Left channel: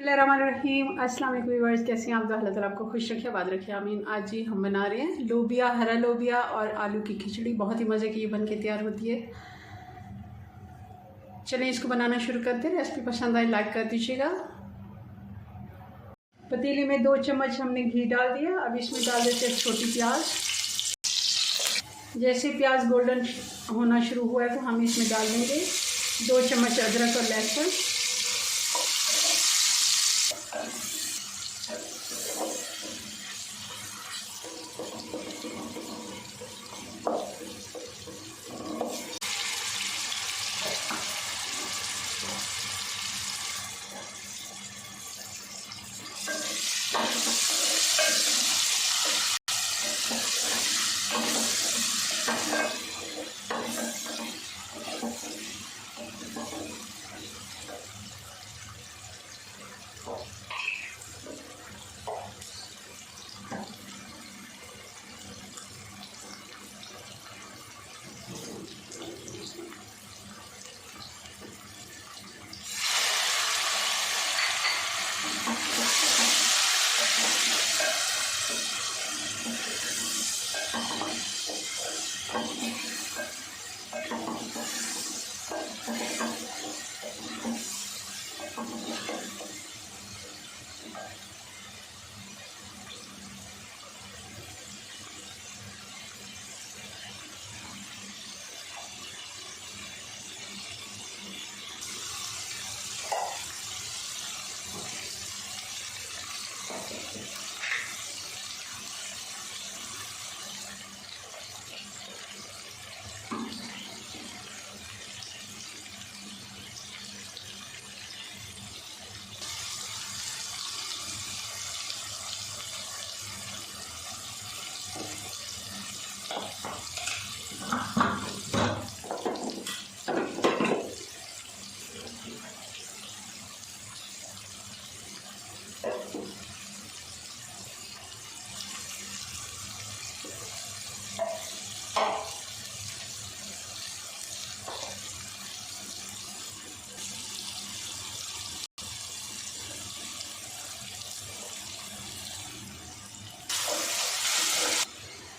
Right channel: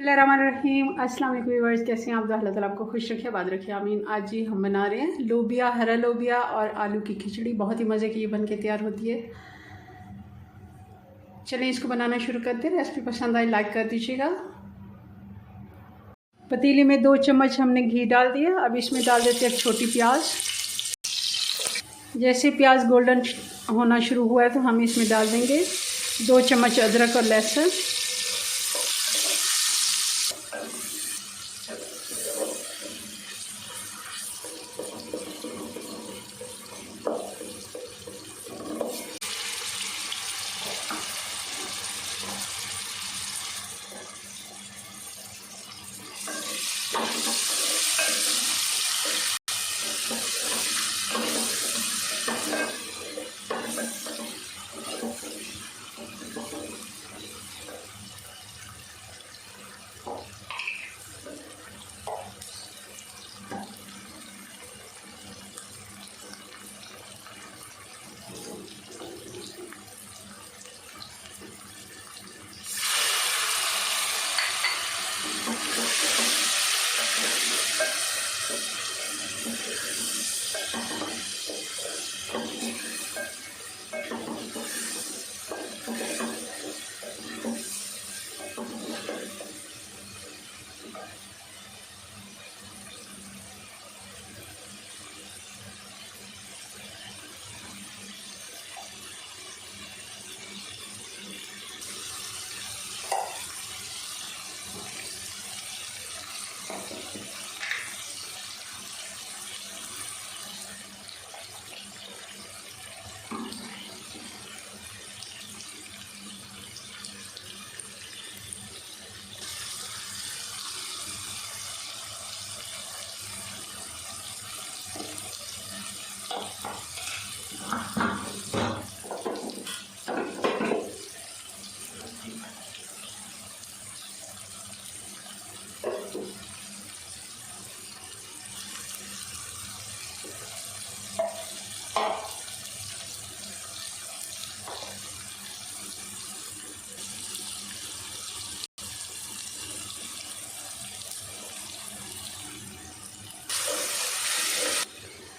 बिस्मिल्लाहिर्रहमानिर्रहीम। अस्सलाम वालेकुम व्यूअर्स, कैसे हैं आप? अल्लाह ताला आपको खुश रखे, आबाद रखे, आमीन। आज जी हम बना रहे हैं लोबिया, हरा लोबिया और आलू की खिचड़ी। बहुत ही मज़े की ये बन के तैयार होती है। चलिए इसको बनाना शुरू करते हैं। रेसिपी पसंद आए लाइक कर दीजिएगा। पतीली में 2 चम्मच हमने घी डाल दिया। अब इसमें डाल देते हैं छोटी प्याज। जैसे प्याज गोल्डन होना शुरू हुआ है तो हम इसमें डाल देंगे 2 चम्मच अदरक और लहसुन।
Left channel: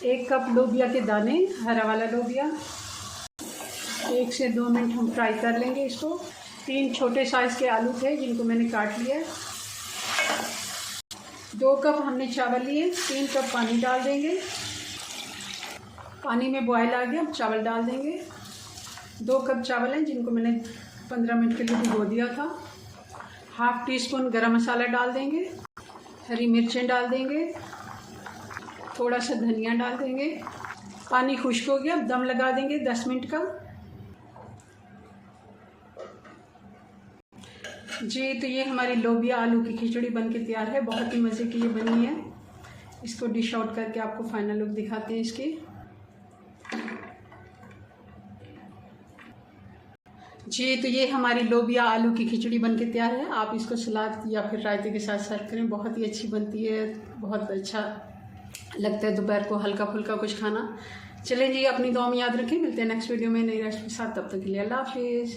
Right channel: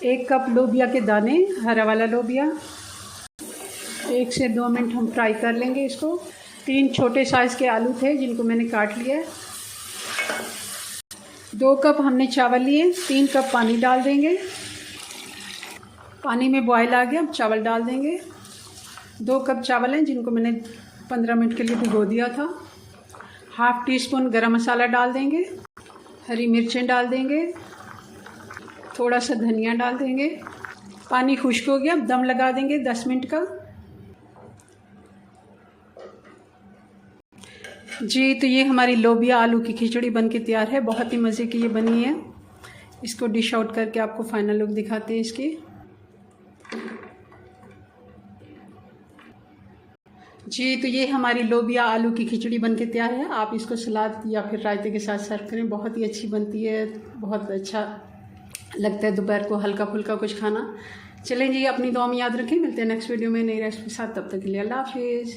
एक कप लोबिया के दाने, हरा वाला लोबिया। 1 से 2 मिनट हम फ्राई कर लेंगे इसको। 3 छोटे साइज़ के आलू थे जिनको मैंने काट लिया। 2 कप हमने चावल लिए। 3 कप पानी डाल देंगे। पानी में बॉयल आ गया, अब चावल डाल देंगे। 2 कप चावल हैं जिनको मैंने 15 मिनट के लिए भिगो दिया था। हाफ़ टी स्पून गरम मसाला डाल देंगे। हरी मिर्चें डाल देंगे। थोड़ा सा धनिया डाल देंगे। पानी खुश्क हो गया, दम लगा देंगे 10 मिनट का। जी तो ये हमारी लोबिया आलू की खिचड़ी बन के तैयार है। बहुत ही मज़े की ये बनी है। इसको डिश आउट करके आपको फाइनल लुक दिखाते हैं इसकी। जी तो ये हमारी लोबिया आलू की खिचड़ी बन के तैयार है। आप इसको सलाद या फिर रायते के साथ सर्व करें, बहुत ही अच्छी बनती है। बहुत अच्छा लगता है दोपहर को हल्का फुल्का कुछ खाना। चलें जी, अपनी दुआ में याद रखें। मिलते हैं नेक्स्ट वीडियो में नई रेसिपी के साथ। तब तक के लिए अल्लाह हाफिज़।